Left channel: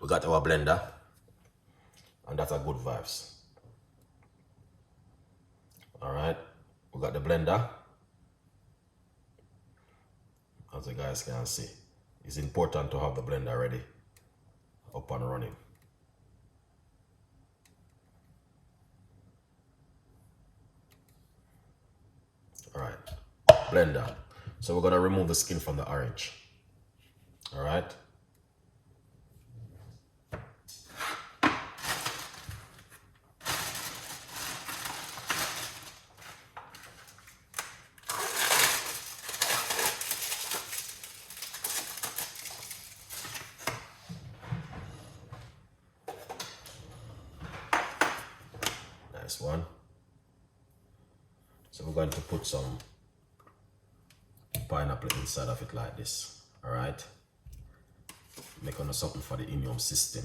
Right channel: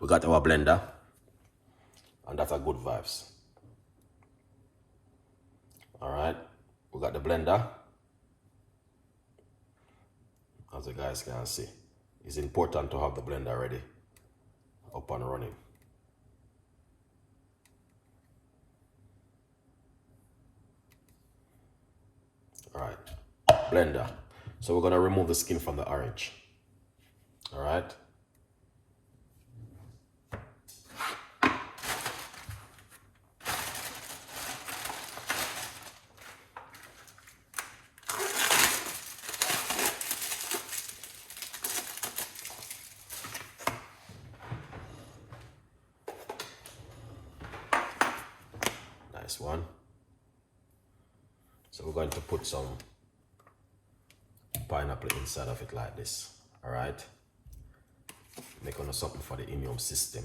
We got our blender, and that's a good vibes. All right, we got the blender. As you guys can see, it's important to have the blender ready, up and running. All right, blender. So we're gonna remove the skin from the orange. All right. Nice one. So we're going to put some pineapple inside of it like this. All right. Making something for the immune system.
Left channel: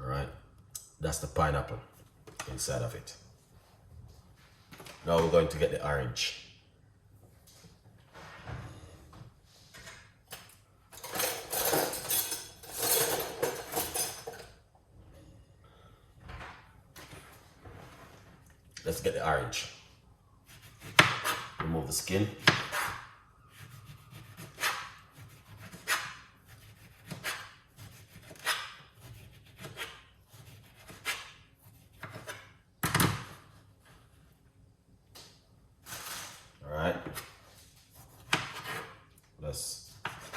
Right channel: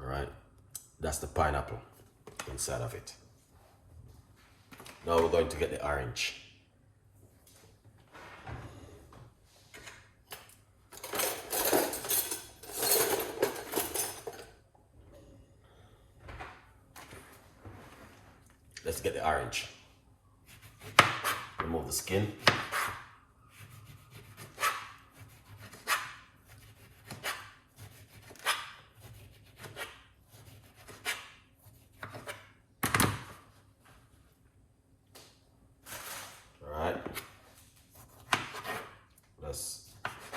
All right. That's the pineapple inside of it. Now we're going to get the orange. Let's get the orange. Remove the skin. All right. Let's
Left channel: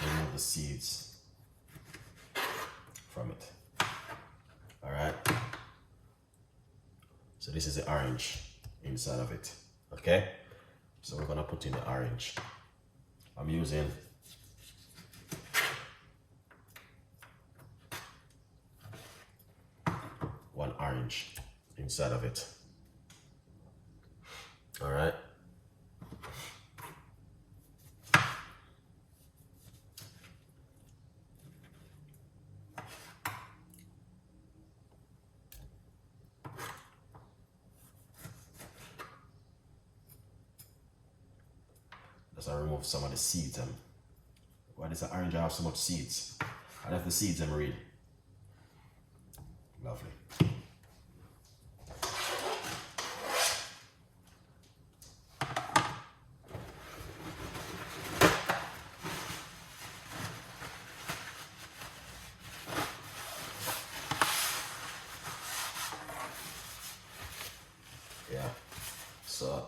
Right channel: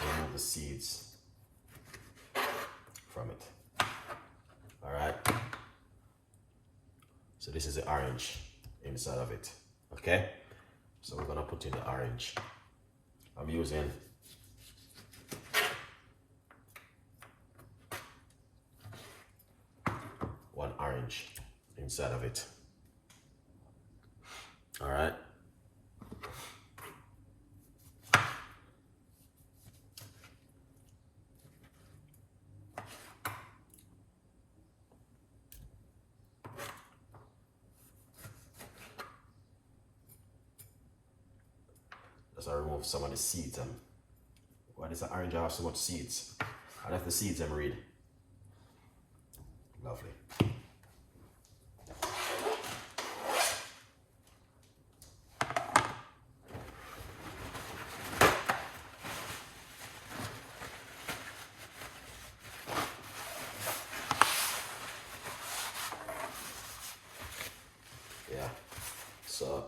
remove the seeds from it. All right. So this is the orange inside of it. Okay. So we're gonna put in the orange. I'm using one orange inside of it. All right. Let's remove some of the seeds. Why does the orange have so much seeds? I left the seeds and read. Lovely. Yeah. So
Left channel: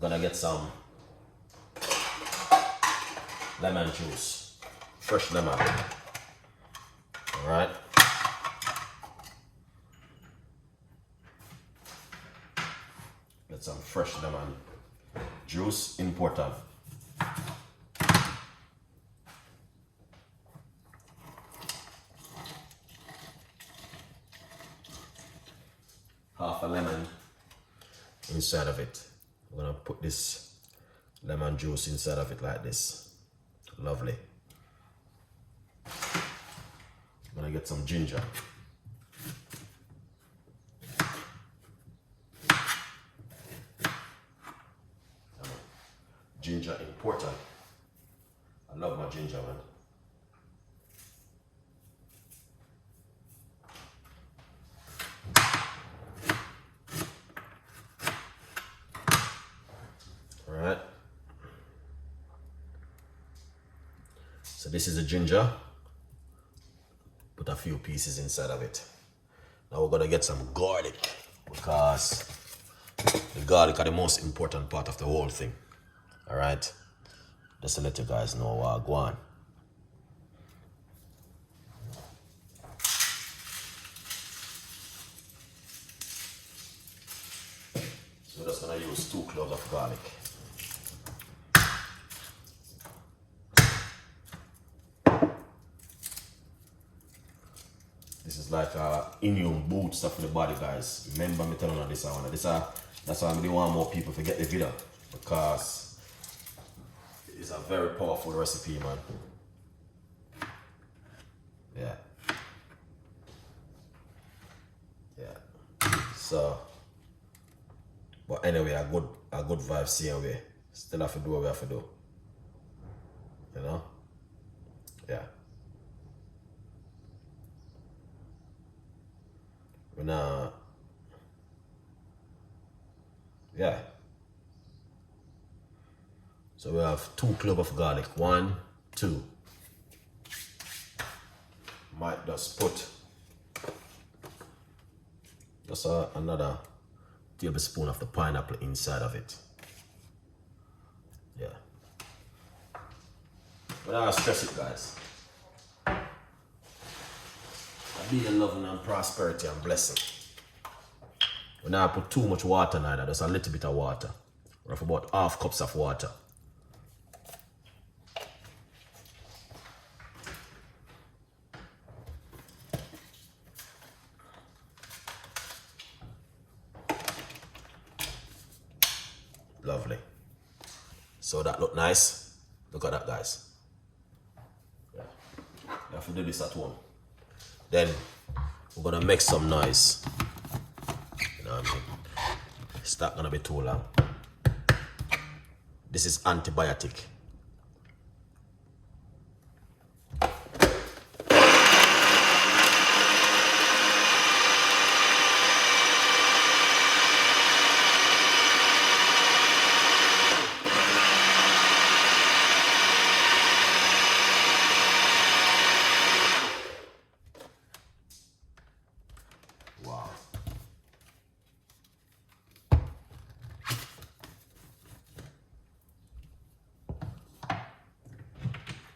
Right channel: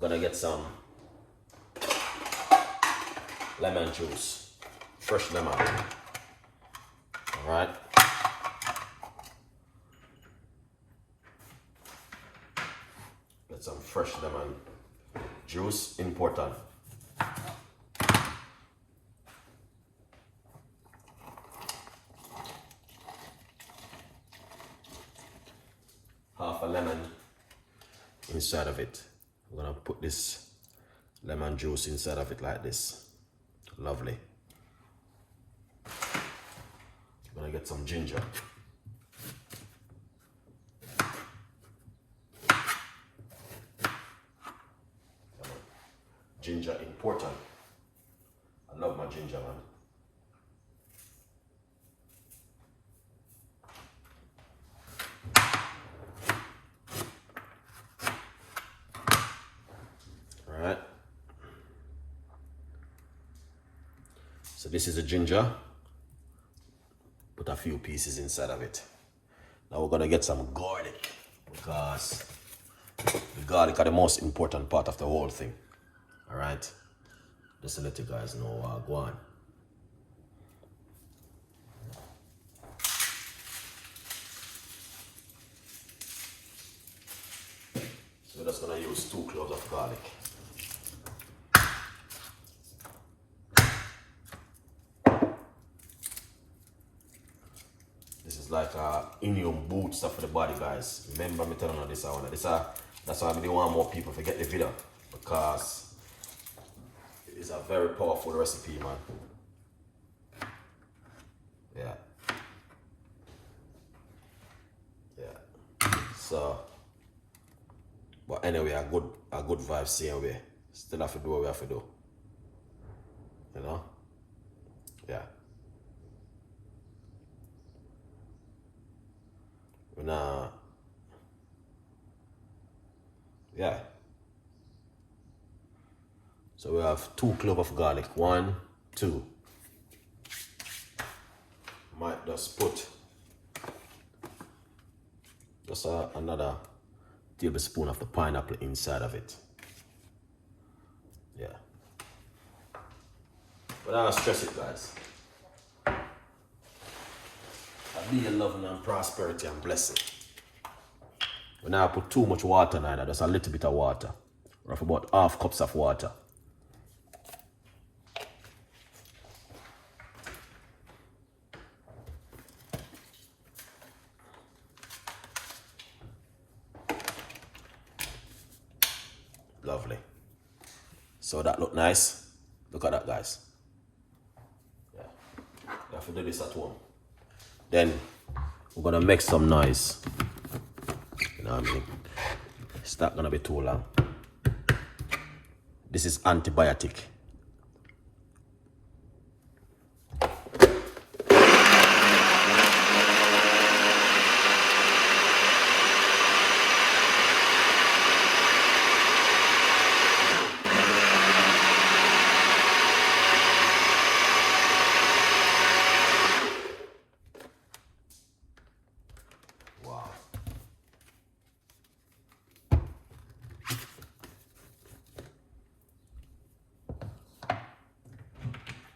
we're gonna get some lemon juice, fresh lemon. All right. Get some fresh lemon juice, important. Half a lemon inside of it. We're gonna put this lemon juice inside of it like this. Lovely. I'm gonna get some ginger. Ginger important. I love my ginger, man. Alright. So this is a ginger. Put a few pieces inside of it. Now we're gonna get some garlic, because the garlic are the most important part of the whole thing. Alright. Just to let you guys know what I go on. So we're just gonna use 2 cloves of garlic. This is like a immune booster for the body, guys. Remember me telling you this one. That's why I really want more people to get the video, because it's a very powerful recipe, man. Yeah. Yeah. So, but anyway, a good vibe same way. Still have to do what we have to do. You know? Yeah. We're not. Yeah. So we have 2 cloves of garlic. 1, 2. Might just put just another tablespoon of the pineapple inside of it. Yeah. But I don't stress it, guys. I be in love and prosperity and blessing. When I put too much water neither, just a little bit of water. Roughly about half cups of water. Lovely. So that look nice. Look at that, guys. Yeah. You have to do this at home. Then we're gonna make some noise. You know what I mean? It's not gonna be too long. This is antibiotic.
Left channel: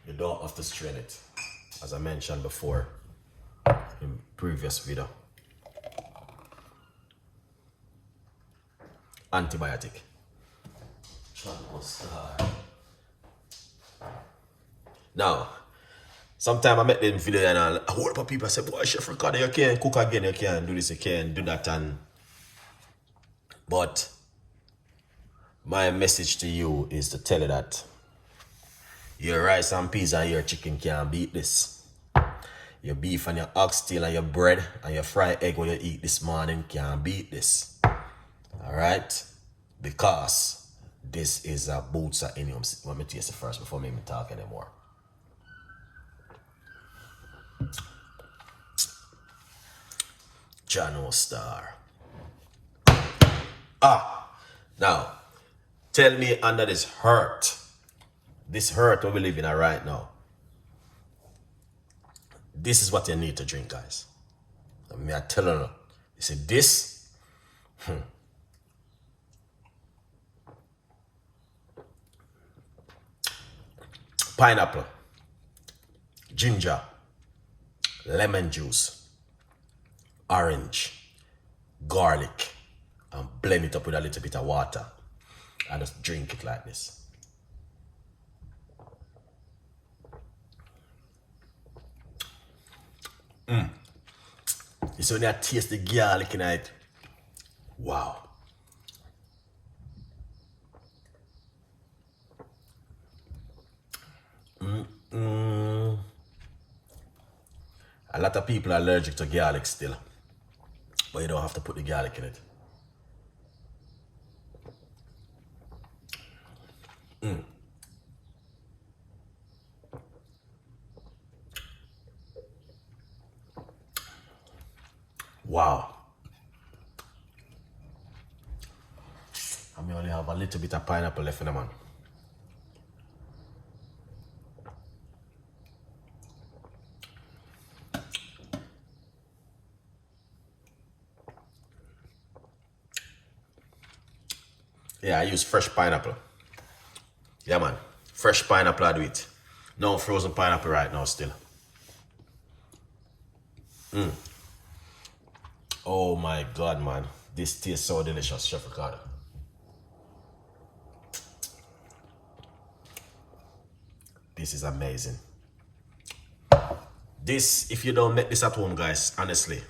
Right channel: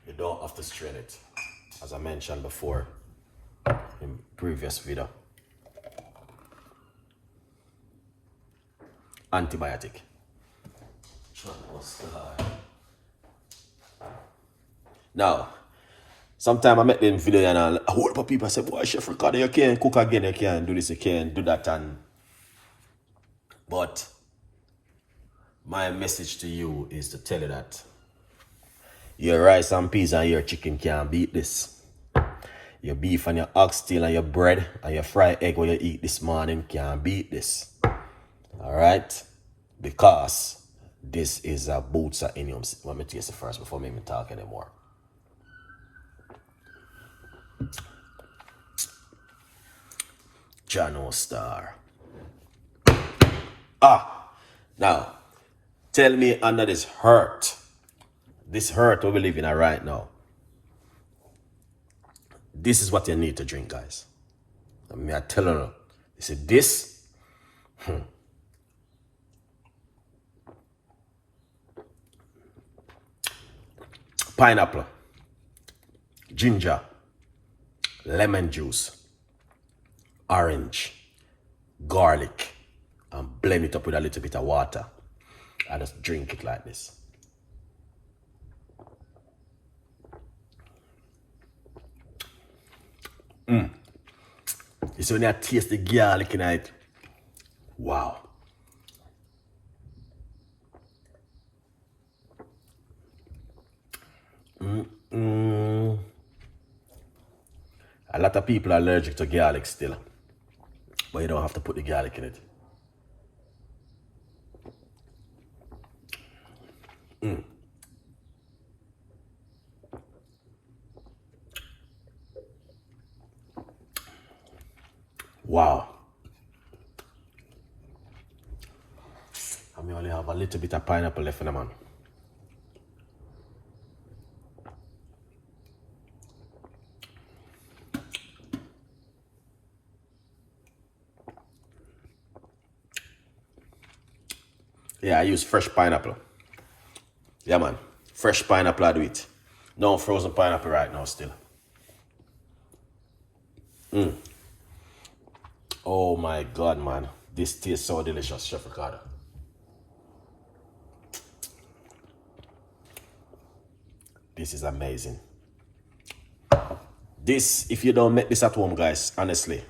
You don't have to strain it, as I mentioned before in previous video. Antibiotic. Now, sometimes I make them video and a whole lot of people say, boy, Chef Ricardo, you can't cook again, you can't do this, you can't do that. But my message to you is to tell you that your rice and peas and your chicken can't beat this. Your beef and your oxtail and your bread and your fried egg when you eat this morning can't beat this. Alright? Because this is a boots of onions. Let me taste it first before I even talk anymore. Jano Star. Now, tell me under this hurt we live in right now, this is what you need to drink, guys. I mean, I tell you, you see this, pineapple, ginger, lemon juice, orange, garlic, and blend it up with a little bit of water. I just drink it like this. You see when I taste the garlic in it, wow. A lot of people are allergic to garlic still, but you don't have to put the garlic in it. Wow. I may only have a little bit of pineapple left in the man. Yeah, I use fresh pineapple. Yeah, man. Fresh pineapple, I do it. No frozen pineapple right now still. Oh my God, man. This tastes so delicious, Chef Ricardo. This is amazing. This, if you don't make this at home, guys, honestly,